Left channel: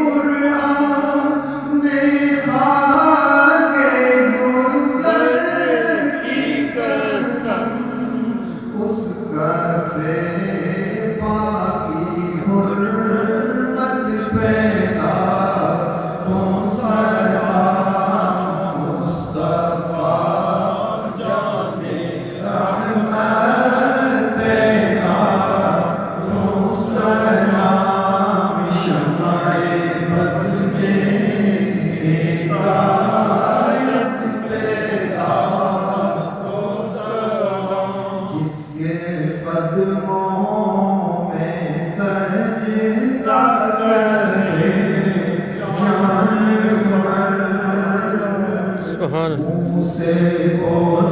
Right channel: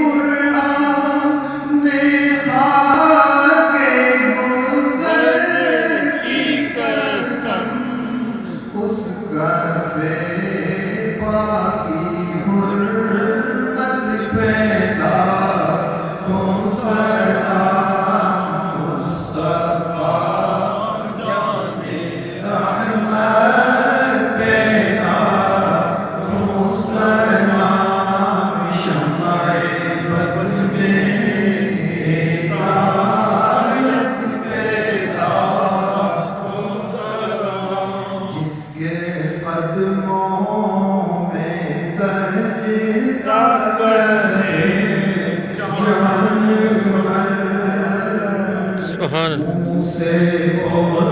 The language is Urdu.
قرآن نے خاک گلزار کی قسم اس کعبے پاکی حرمت پیدا تو سلام مصطفیٰ جان رحمت پیدا تو سلام شمع بز میں ہدایت پیدا تو سلام جس کے قدموں میں سجدہ کرے جانور سبحان اللہ. منہ سے بول